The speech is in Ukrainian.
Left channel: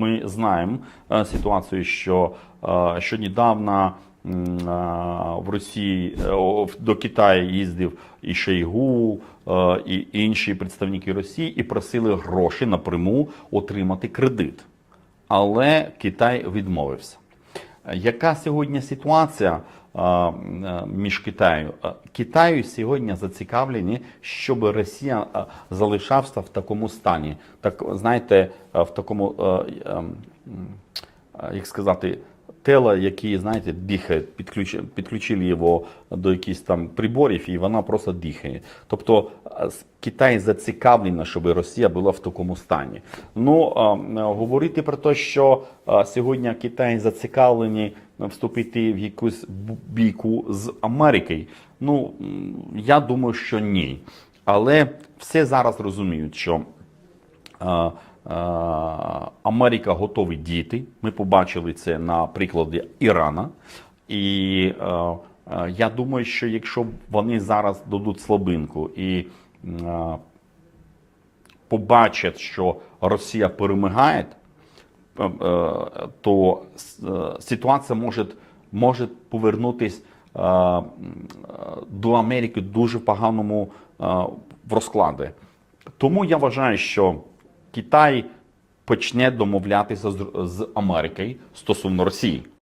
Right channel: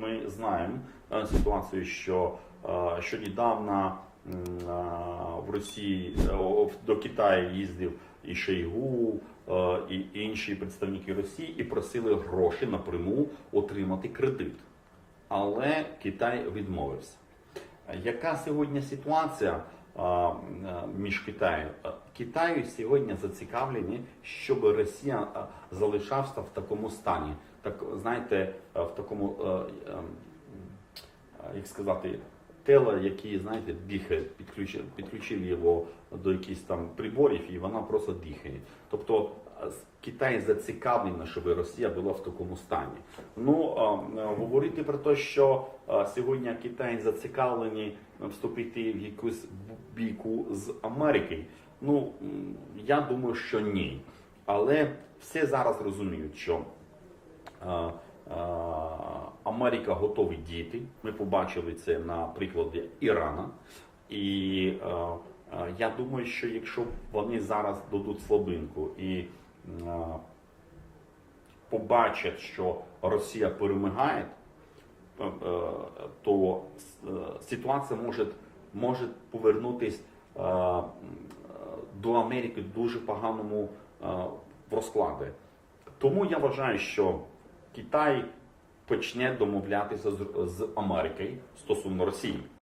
ми знаємо е, ситуацію, що, е, що недавно е, в Росії до Китаю їздив і Шойгу, е, і інші представники Росії, і просили гроші напряму отримати кредит. Але Китай відмовився. Яка сьогодні ситуація між Китаю? Е, Китаю сьогодні зацікавлені, щоб Росія е, залишався в такому стані. Так, знаєте, е, в такому, е, е, е, як сказати, тело, яке, знаєте, дихає, підключ- підключили його до якихось там приборів, і вона просто дихає. Тобто е, Китай зацікавлено, щоб Росія була в такому стані. Ну, е, е, говорити про те, що е, сьогодні Китай зацікавлені вступити в якусь бійку з Америкою. Ну, я думаю, що ні. Але все зараз розуміють, що е, е, Америка готові діяти. Ми побачили це на прикладі Ірана. І е, е, я думаю, що якщо вони зараз дадуть слабинку і е, побачать, що Росія перемагає, е, е, то е, ситуація може, може повернутися е, е, до Америки дуже поганому е, в розкладі. Тому я вважаю, що Китай почне домовлятися з Америкою стосовно Росії.